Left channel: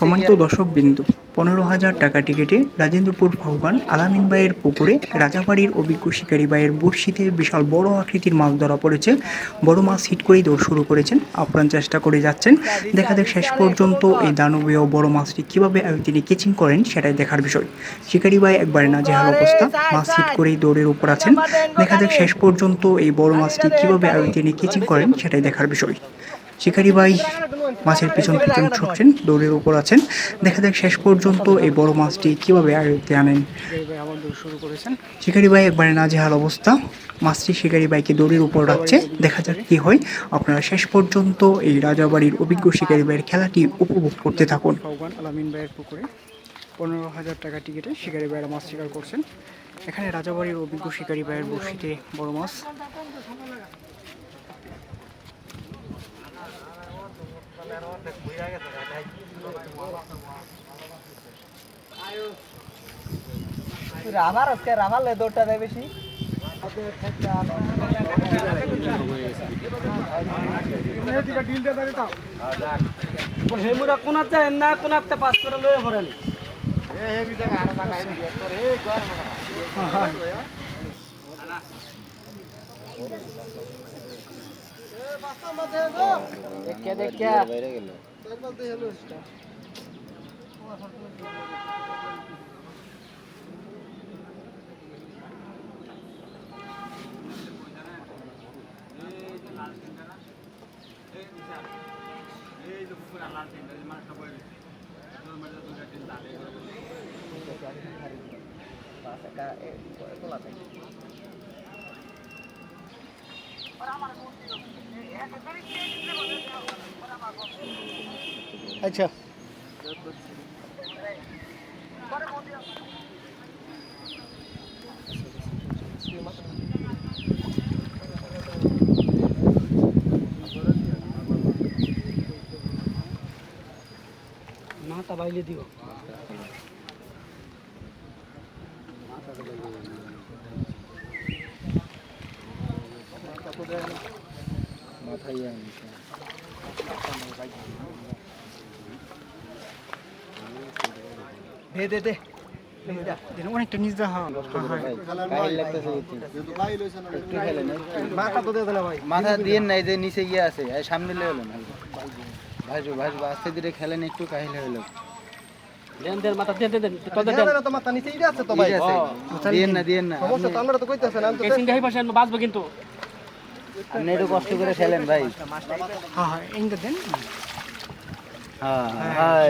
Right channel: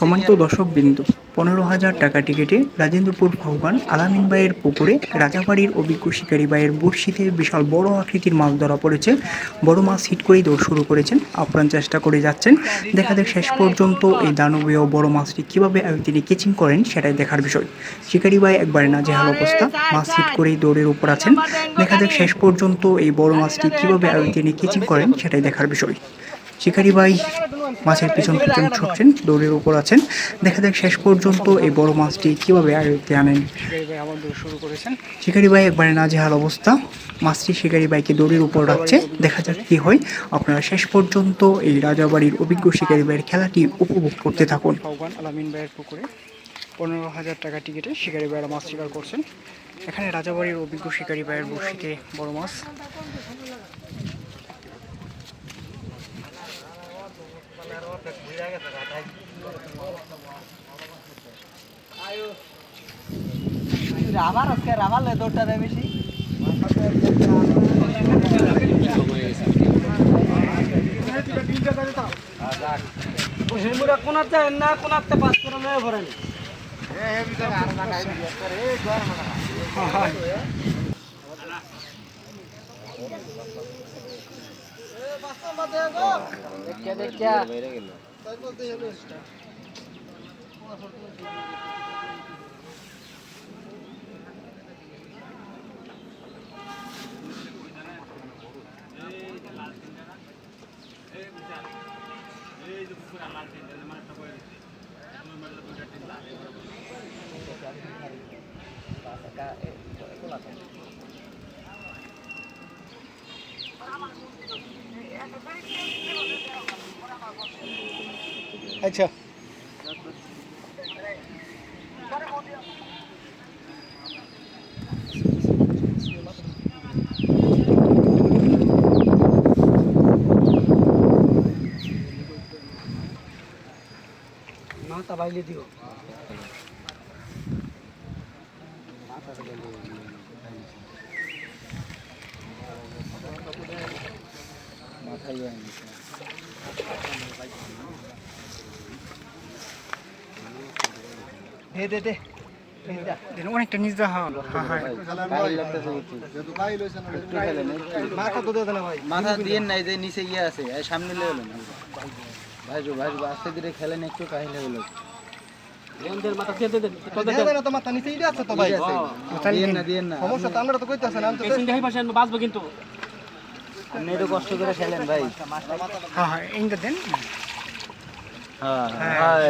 সম্মানিত দর্শকবৃন্দ, 15,000 টাকা টিকিটে রাজেন্দ্রপুর আহ্বান আলামিন ভাইয়ের পুকুরে রাজাবাড়ির অভিজ্ঞ শিকারী ভাইয়ের বড়শিতে বিশাল বড় আকৃতির মাছ ধরা পড়েছে। বড় মাছ হিট করেই দৌড় শুরু করেছেন, আপ্রাণ চেষ্টা করে যাচ্ছেন। দেখা যাক শেষ পর্যন্ত এই দানবীয় বড় মাছটি কীভাবে তিনি কেচিং করেন সেটাই দেখার বিষয়। শিকারী ভাই একবারে নাজেহাল অবস্থা, মাছ হিট করেই দৌড়ের উপর আছেন। দেখা যাক শেষ পর্যন্ত এই বড় মাছটি কীভাবে তিনি কেচিং করেন সেটাই দেখার বিষয়। শিকারী ভাই মাছের পিছন পিছন ছুটছেন, দৌড়ের উপর আছেন। দেখা যাক শেষ পর্যন্ত এই বড় মাছটি কীভাবে আয়ত্তে আনেন। শিকারী ভাই একবারে নাজেহাল অবস্থা, মাছটি শিকারী ভাইকে দড়ির উপর রাখছে। দেখা যাক কি হয়। আপনারা শেষ পর্যন্ত এই রাজাবাড়ির অভিজ্ঞ শিকারী ভাইয়ের খেলাটি উপভোগ করতে থাকুন। আলামিন ভাইয়ের পুকুরে 15,000 টাকা টিকিটে শিকারী ভাইয়েরা মাছ শিকার করছেন। এখানে রাজাবাড়ির অভিজ্ঞ শিকারী ভাইয়ের বড়শিতে বড় মাছ। রাভালে দৌড়টা দেয় বেশি। কোনাতে না কোনাতে পাস করে লয়ে ভরেন। দেখিয়া আচ্ছা মাথা বাইলে দিও। অনেকটা নিজ মাথা দিয়ে নাই যে নিচে গিয়ে আছে, সামনে লেলো না ভাইজো ভাইজো আস্তে ধীরে খেলেন একটু কাহিল হলো। লেনদের মাথা দিয়ে দেন তোদের দেন তো মাথা নিচেই আছে তো ভাই দিয়েন না সমস্যা তো আমরা তো কইতাছেন আমি তো পেছন দিয়ে পাশে বাঁচবো কিন্তু আপনি একটু কষ্ট করে খেলেন ভাই। হ্যাঁ হ্যাঁ এইটা দেন। হ্যাঁ হ্যাঁ